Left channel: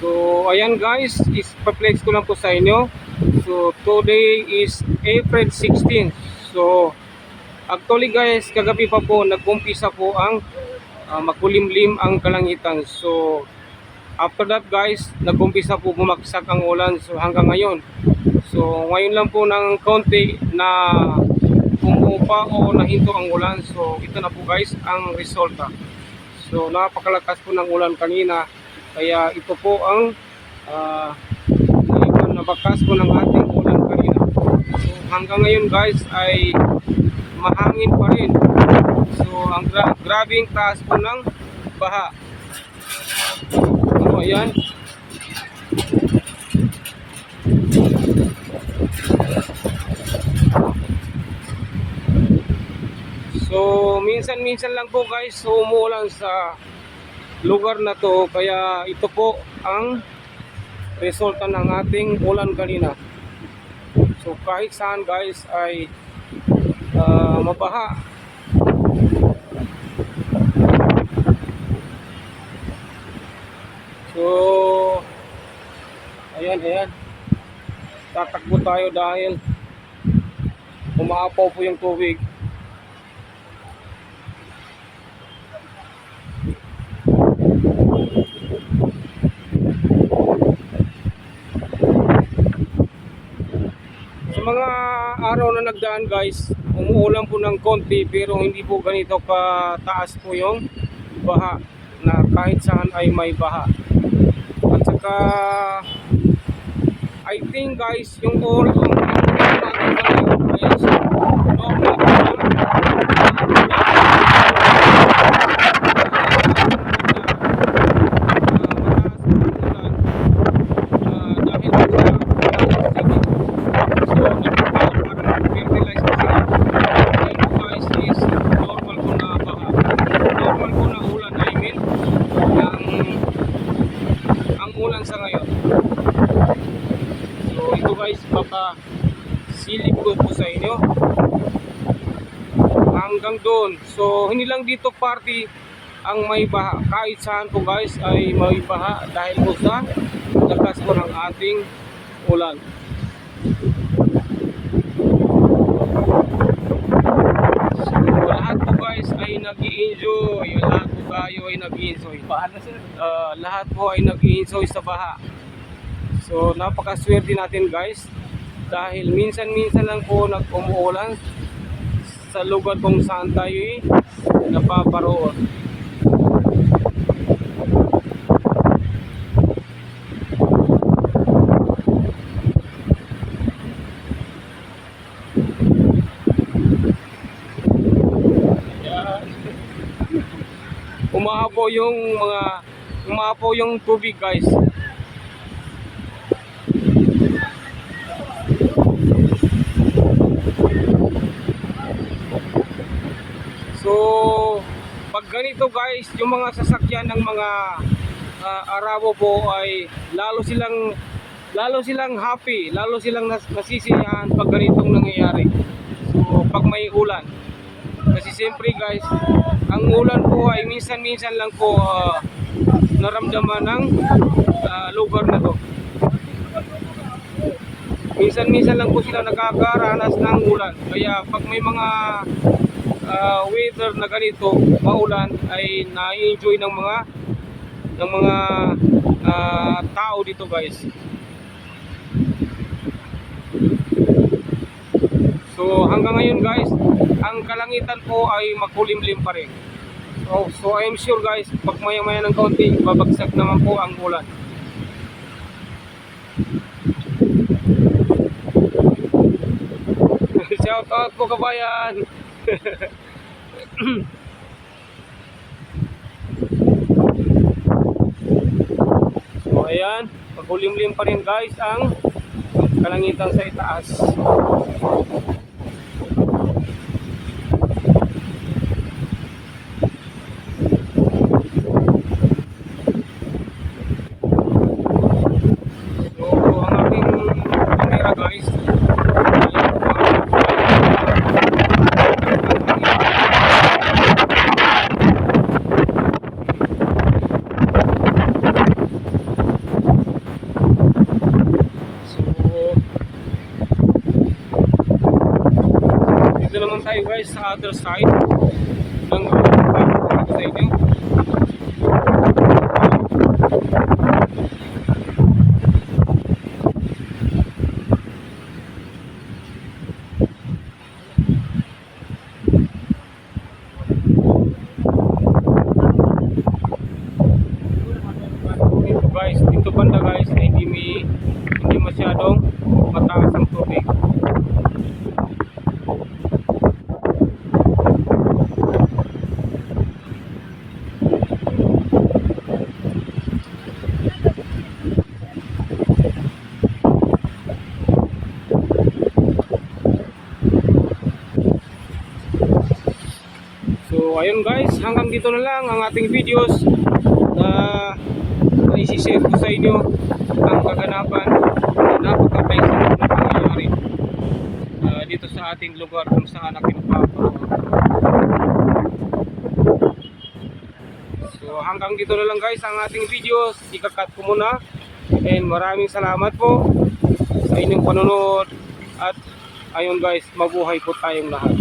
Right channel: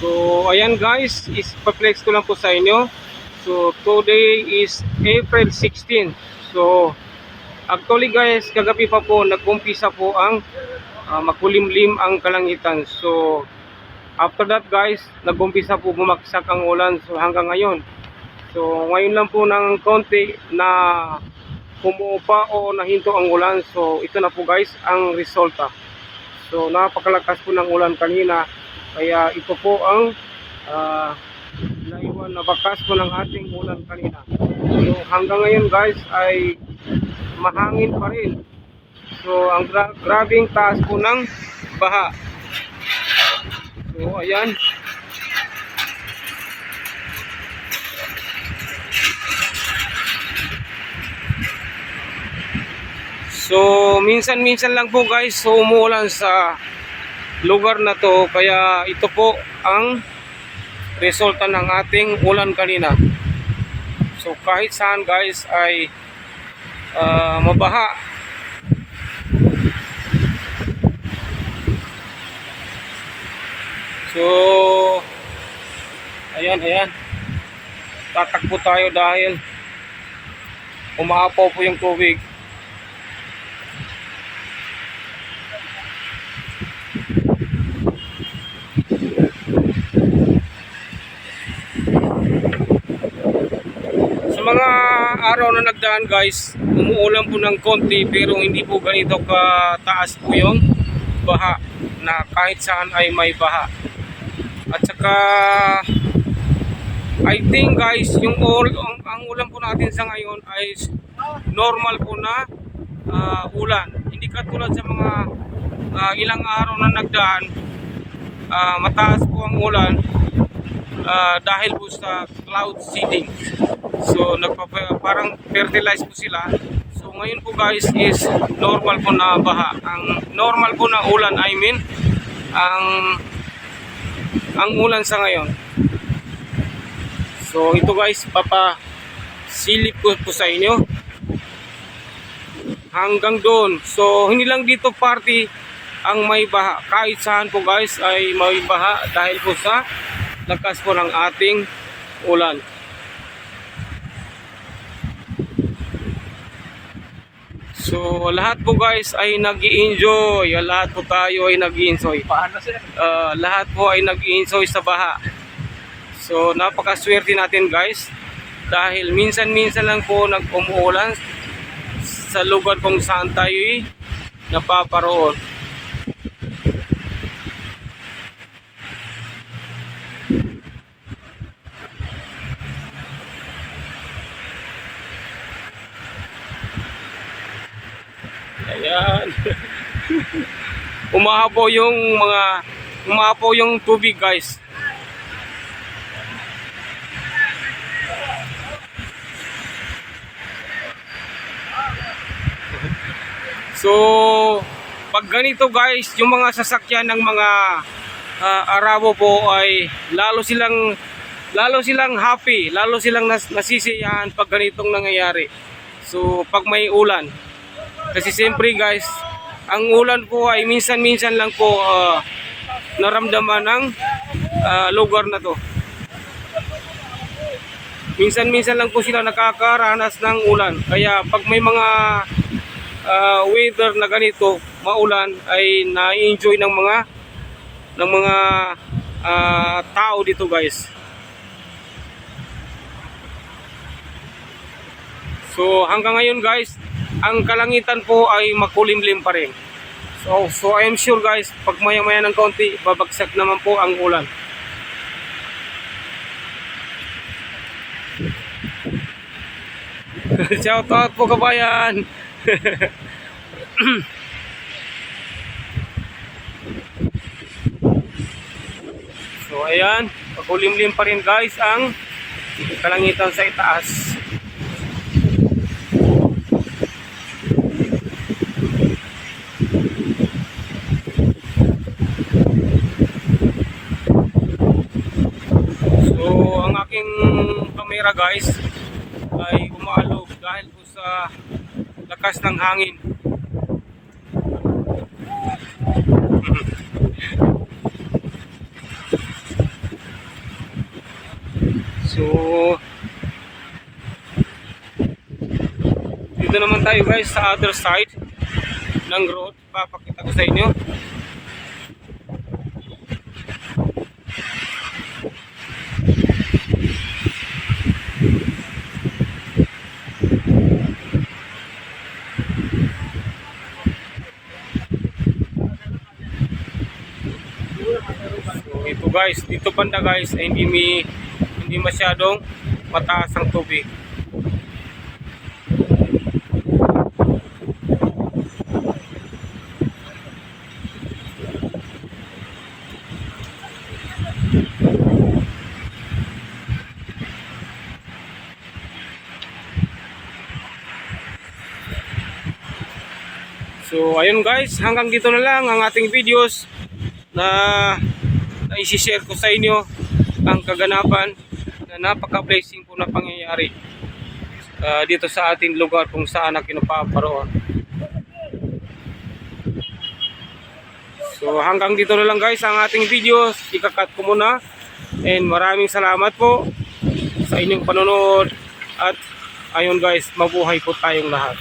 So ayan guys, is-flex ko lang po sa inyo. So today is April 16. So actually guys, kagabi pa po nag-umpisa po ang makulimlim ang kalangitan. So after that guys, nag-umpisa po bumagsak ang ulan so hanggang ngayon. So ngayon lang po ng konti na umuupa o nahinto ang ulan. So ito na po guys ang resulta. So napakalakas po ng ulan kanina. Kaya ito po ang naiwan na bakas po ng ating ulan kanina. So hanggang ngayon guys ay mahangin pa rin. So ang grabing taas po ng baha. So ayan. So minsan-minsan lang po guys so umuulan sa lugar na to, kaya ito po ang resulta ng ating ulan kanina. So kahit saan guys ay mabaha. So ayan, tatakbo tayo dahil umaapaw po yung tubig. Sa mga araw na nagdaan guys, umuulan po ng konti pero hindi po ganito kataas po yung baha na kahit saan ay may baha. At saka I think guys yung ulan po natin sa ngayon ay normal po na ulan. Ilang araw na nagdaan, mataas po ang ulan dahil po sa cloud seeding. So parang fertilize po sila. So ngayon po guys is normal po na baha. Ang normal po na ulan, I mean ang ulan sa ngayon. So ito guys, papasilip ko po sa inyo hanggang doon. So hindi lang dito party ang may baha, kahit saan po guys ay may baha dahil po sa lakas po ng ating ulan. So lahat po guys ay nag-i-enjoy, lahat po tayo ay nag-i-enjoy. Lahat po ay nag-i-enjoy sa baha. So napakaswerte natin guys dahil minsan-minsan lang po nag-umuulan sa lugar kung saan tayo napaparoon. Umahapo yung tubig guys. So pag ganito guys, yung mga sasakyan ng mga Arabo po ay lalo silang happy, lalo silang nasisiyahan pag ganitong nangyayari. So pag may ulan, kasi siyempre guys, ang ulan po ay minsan-minsan lang po naramdaman ng lugar na to. Minsan-minsan lang po sila nakakaranas ng ulan. Kaya pag may mga weather na ganito, maulan, ay na-enjoy ng mga tao dito guys. So hanggang ngayon guys, ang kalangitan po ay makulimlim pa rin. So I am sure guys, pag maya-maya ng konti, babagsak naman po ang ulan. Shout out po kabayan. So ayan, makulimlim pa rin guys ang kalangitan sa itaas. So ang aking camera guys ay umaano sa lakas ng hangin. tayo guys sa other side ng road. Papunta ko sa inyo. Dito guys, dito banda guys, hindi masyadong mataas ang tubig. So ayun guys, hanggang dito na lang ang ating videos na isi-share ko sa inyo ang kaganapan na napaka-blessing na pangyayari dito sa ating lugar kung saan ako napaparoon. So hanggang dito na lang guys ang ating videos, ikakat ko muna, and maraming salamat po sa inyong panonood, at ayun guys, mabuhay po tayong lahat.